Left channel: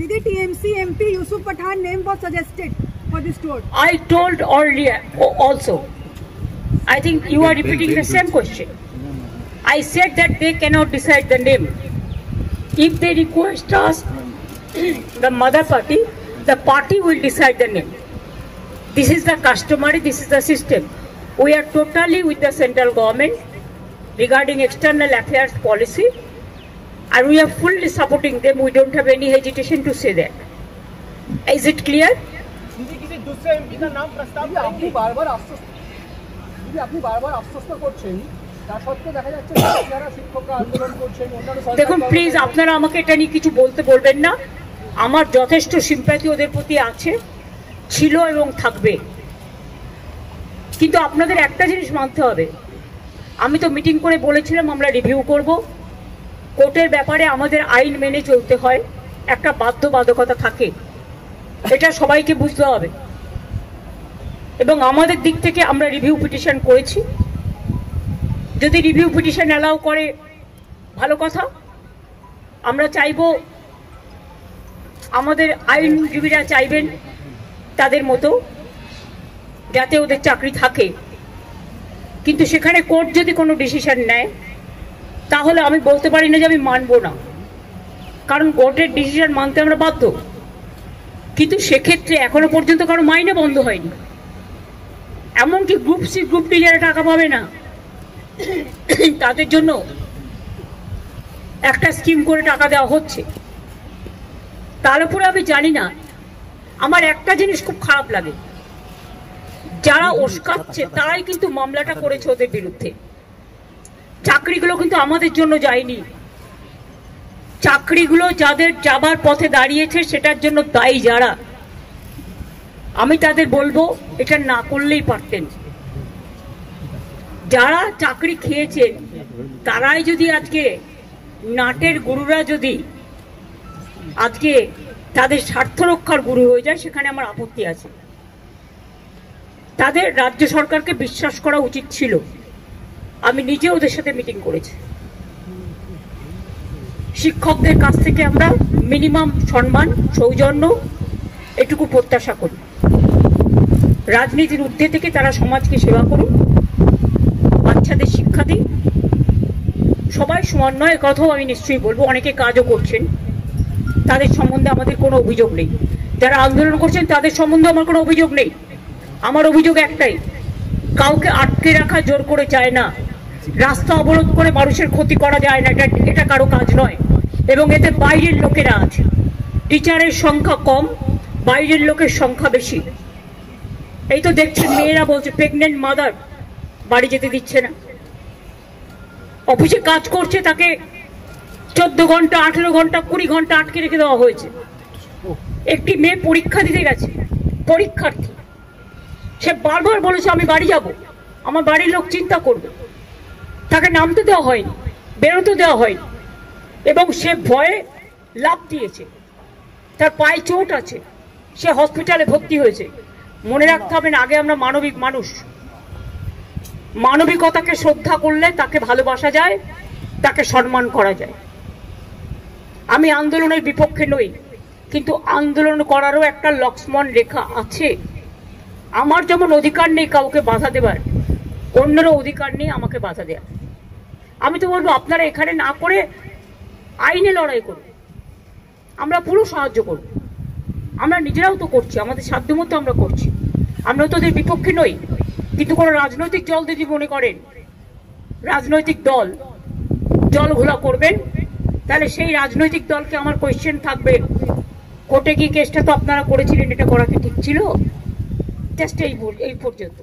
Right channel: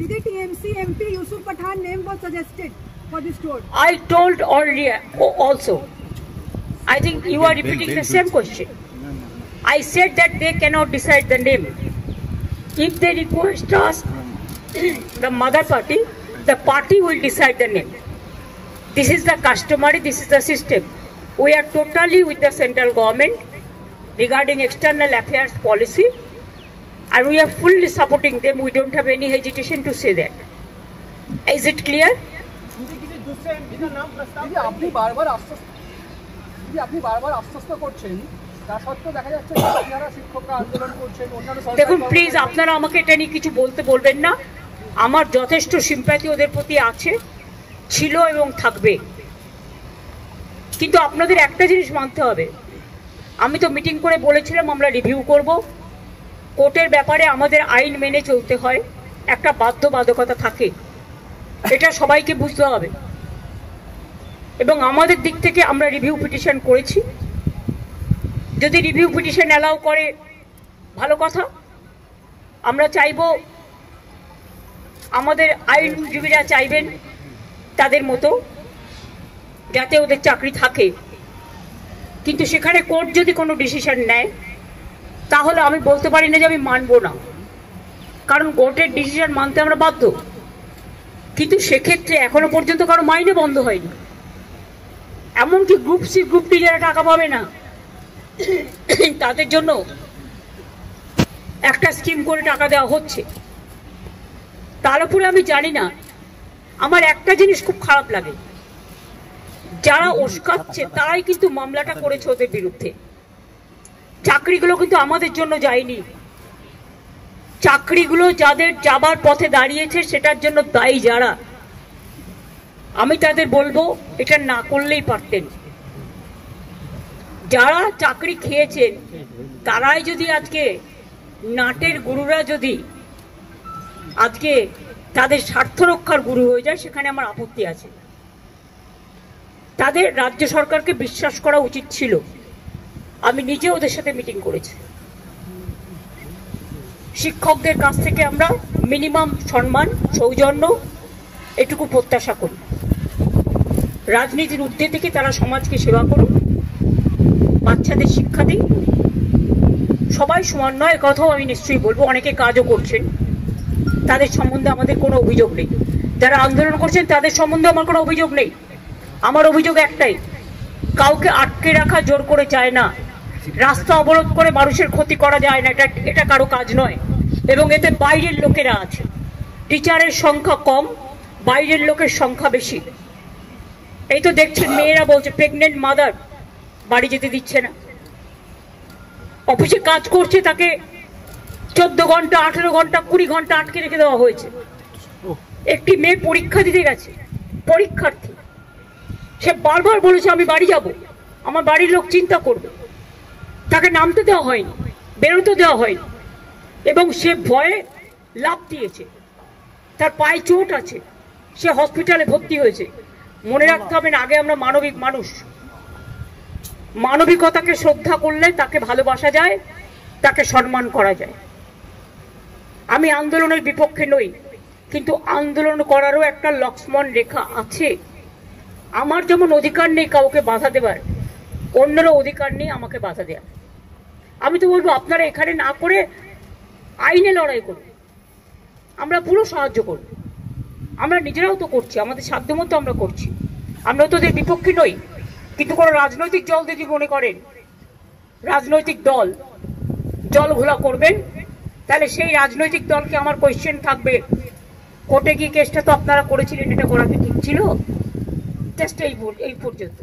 Did the TMC MP Yusuf Pathan name was suggested for this tour? I told already also. I think you are repeating the same question. I said that they cannot decide the name. If they request us, the mother party, the party will decide the name. This is the customary, this is the system. We are totally with the central government regarding external affairs policy, and we are fully supporting them. We don't have any hesitation to say that. Is it clear? দেখুন please আপনারা আমাকে এটা নিয়ে কিছু বলতে বলবেন না। আমার যথেষ্ট সিম্প্যাথি ওদের প্রতি আছে, ছিল এবং থাকবে। কিন্তু আপনাদের একটা জিনিস মানতে হবে, আমি তো মিটিং করে বলেছিলাম আমরা রিভিউ করব। কোর্টের ব্যাপারে আমাদের আইন মেনে চলতে হয়, একটা বাধ্যবাধকতা থাকে, এটা সবাইকে বুঝতে হবে। এবং আমাদের দিক থেকে আমরা রিভিউ পিটিশন করেছি। যদি রিভিউ পিটিশন অ্যালাউ করে ভালো কথা। আমরা চাইব, আমাদের আইনজীবীরা চাইবেন তাদের মতো যাতে ওদের চাকরি থাকে। কিন্তু সেখানে কোর্ট যদি কোনো ডিসিশন নেয় তাহলে আমি বলতে পারি না যে আমি মানব না, কারণ কোর্টের ডিসিশন মানতে আমরা বাধ্য। কিন্তু সেক্ষেত্রে এখনো পর্যন্ত কারো মাইনে বন্ধ হয়নি, এমনকি গ্রুপ সি গ্রুপ ডি যারা টাকা পাবে না তাদের জন্য একটা স্কিম করে টাকা দেওয়া হচ্ছে। তার উপরে আমি জানি না, আমার একটা জিনিস খুব খারাপ লাগে, যারা ওস্কাচ্ছে তারাই কিন্তু মামলাটা করেছে ওদের বিরুদ্ধে। চাকরিগুলো কিন্তু আমাদের জন্য যায়নি, চাকরিগুলো যাদের যাবার পথে দাঁড়িয়েছে সেটার জন্য দায়ী যারা, আমি তাদের বলবো এটা না করলেই পারতেন। যারা চাকরি খেয়েছেন তারাই যদি আজকে নাটের গুরুরা যদি আজকে তাদের স্বার্থ রক্ষার গুরু হয়ে যায়, সেখানে আমার আপত্তি আছে। তাদের রাজ্য সরকারকে বিশ্বাস করা উচিত ছিল। আমি নিজে ওদের সাথে মিটিং করেছি। শিক্ষকদের কাছ থেকে আমরা মিনিমাম সম্মান, সৌজন্য এটুকু প্রত্যাশা করি। রাজনীতির ঊর্ধ্বে থেকে তারা সমাজকে সেবা করুন, বাচ্চাদের শিক্ষা দিন। সবাই সমান নয়, কথাও আমি নিশ্চয়ই বলবো। অনেকে কাজও করছেন, তাদের সম্বন্ধে আমাদের কোনো অভিযোগ নেই। যারা আন্দোলন করছেন তাদের সম্বন্ধে আমার কোনো অভিযোগ নেই। আমার অভিযোগ একটাই, কাউকে আটকে রাখা জোর করে চায় না, রাস্তা অবরোধ করে মানুষের ক্ষতি করা যায় না, এটা কারো কাজ নয়। এবং এতে বাইরের লোকেরা আছে, টিচারের সংখ্যা কম, বাইরের লোকের সংখ্যা বেশি। এই তো দেখছি মেয়েরা বলছে প্রেগনেন্ট মাদার বাড়ি যেতে দিচ্ছে না। অফিসে কাজ করছে তাকে 14 ঘন্টা, 18 ঘন্টা, 20 ঘন্টা আটকে রেখে দেওয়া হয়েছে। একটি মেয়ে পরীক্ষা দিতে গেছে, পরীক্ষার্থী, সে বারবার বলেছে আমি বাড়ি যাব, আমার বাড়ির লোক চিন্তা করবে। তাকে নামতে দেওয়া হয়নি, বেরোতে দেওয়া হয়নি, এবং সে ভয়ে লাফ দিয়েছে। তার পায়ে চোট আছে, সে হসপিটালে ভর্তি হয়েছে। মনে রাখতে হবে না, আগে আমরা মানবিক মানুষ, মানবিকতাকে শ্রদ্ধা করলে তাকে ভালোবাসা যায়, তাকে সম্মান করা যায়। আমি আন্দোলনের বিপক্ষে নই, কিন্তু আন্দোলন করারও একটা লক্ষ্মণ রেখা আছে। আমার যেমন অধিকার নেই কাউকে বাধা দেবার, অন্যেরও অধিকার নেই আমাকে বাধা দেওয়া। আমি তো বলবো আপনারা এখানে না করে আইনে লড়াই করুন, আমরা পুরো সাহায্য করব। আমরা নিজেরাও তো করছি, আমাদের সাধ্যমতো আমরা করছি। আমরা তো ওদের বিপক্ষে নই। কিন্তু কোনো রাজনৈতিক দল যদি মনে করেন রাজনৈতিক দল জল ঘোলা করবেন, তাহলে সেই রাজনৈতিক দলকে আমার কোয়েশ্চেন থাকবে, কোর্টে গিয়ে কেসটা তো আপনারা করেছিলেন, এটা করা কি ঠিক ছিল? জাস্ট এই পর্যন্ত।